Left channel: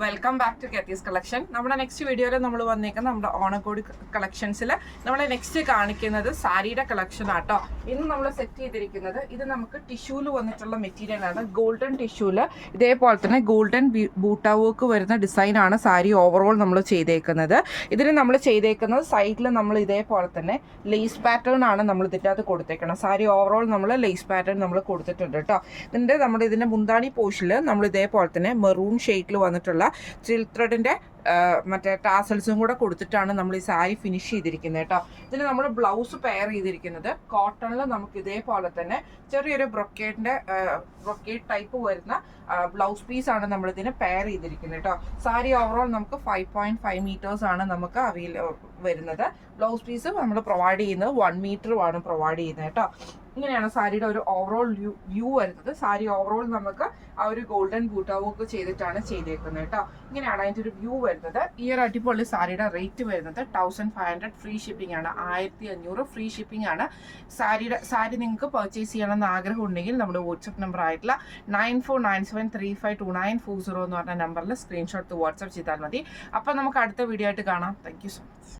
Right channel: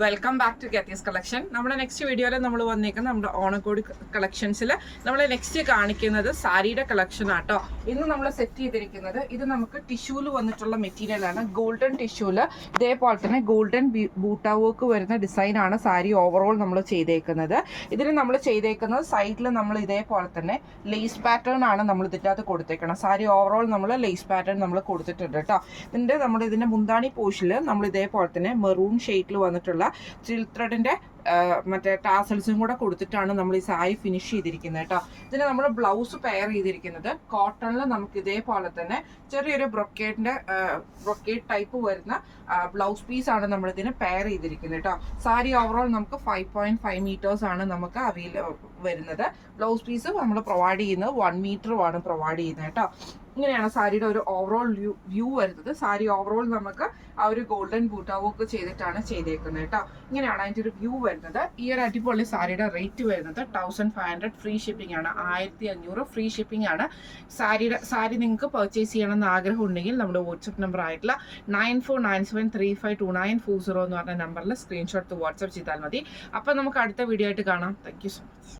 Welcome back to കെത്തീസ് collection. നമ്മുടെ next വീഡിയോയിൽ നമ്മൾ വന്നേക്കുന്നത് നമ്മുടെ ഓണക്കോടി കളക്ഷൻസിൽ നമ്മൾ നെക്സ്റ്റ് കാണിക്കുന്നത് സാരിയുടെ കളക്ഷൻ ആട്ടോ. ഇന്ന് നമ്മൾ സെറ്റ് ചെയ്തിരിക്കുന്നത് ഇത് നമുക്ക് ടിഷ്യൂല് വന്നിട്ടുള്ള മെറ്റീരിയലാണ്. ഗോൾഡൻ ടിഷ്യൂല് ഇതേപോലെ തന്നെ ഗോൾഡൻ ബൂട്ട വർക്ക് വരുന്ന ഡിസൈനാണ് സാരി ഓവറോൾ നമ്മൾ ചെയ്തേക്കുന്നത്. ഇതിന് നമ്മൾ ചെയ്തേക്കുന്നത് സൈഡിൽ നമ്മൾ ഇതേപോലെ തന്നെ ലേസ് പാറ്റേൺ ആണ് നമ്മൾ ഇതിനകത്ത് കൊടുത്തേക്കണം. സാരി ഓവറോൾ നമ്മൾ ലേസ് പാറ്റേൺ നമ്മൾ കൊടുത്തിട്ടുണ്ട് കേട്ടോ. ഇതിൻ്റെ മുന്താണി പോർഷനിൽ നമ്മൾ ഇതേപോലെ തന്നെ മെറൂൺ ഷെയ്ഡിൽ വന്നിട്ടുള്ള സിൽക്ക് ത്രെഡിന്റെ മറ്റേ ടാസൽസും കൂടെ കൊടുത്തിട്ടാണ് നമ്മൾ ഈ സാരി ഫിനിഷ് ചെയ്തിരിക്കുന്നത് കേട്ടോ. ഇതിന് നമ്മൾ ബ്ലൗസ് പെയർ ചെയ്തിരിക്കുന്നത് കോട്ടണിൽ നമുക്ക് ഇതേപോലെ തന്നെ ചെറിയൊരു ബ്രൊക്കേഡ് ടൈപ്പ് വരുന്ന ബ്ലൗസ് പീസ് ആണ് നമ്മൾ ഇതിന് പെയർ ചെയ്തിരിക്കുന്നത് കേട്ടോ. സാരി ഓവറോൾ നമുക്ക് 5.5 മീറ്റേഴ്സ് ആണ് നമുക്ക് വരുന്നത്. ബ്ലൗസ് പീസ് നമ്മൾ പ്രൊവൈഡ് ചെയ്യുന്നത് 1 മീറ്ററുമാണ് പ്രൊവൈഡ് ചെയ്യുന്നത് കേട്ടോ. ഇങ്ങനെയാണ് സാരിയുടെ ഒരു ഓവറോൾ വ്യൂ വരുന്നത്. സാരി ഓവറോൾ നമുക്ക് ആ ഒരു ഗോൾഡൻ ബൂട്ട വർക്ക് ചെയ്തിട്ടാണ് ചെയ്തേക്കുന്നത് കേട്ടോ. ഇങ്ങനെയാണ് അതിൻ്റെ ഒരു വ്യൂ വരുന്നത്. ഈ ഒരു അടിപൊളി സാരിയുടെ റേറ്റ് വരുന്നത് 1500 ഫ്രീ ഷിപ്പിംഗ് ആണ്. 1500 ഫ്രീ ഷിപ്പിംഗ് ആണ്. സാരി നിങ്ങൾക്ക് പർച്ചേസ് ചെയ്യണമെന്ന് ആഗ്രഹം ഉണ്ടെങ്കിൽ നമ്മുടെ വാട്സപ്പ് നമ്പർ ആയിട്ടുള്ള 9497352940 എന്ന് പറഞ്ഞ നമ്പറിൽ സ്ക്രീൻഷോട്ട് വാട്സപ്പ് ചെയ്താൽ മതി. അപ്പം നമുക്ക് അടുത്ത വീഡിയോ ആയിട്ട് കാണാം. Thank you so much.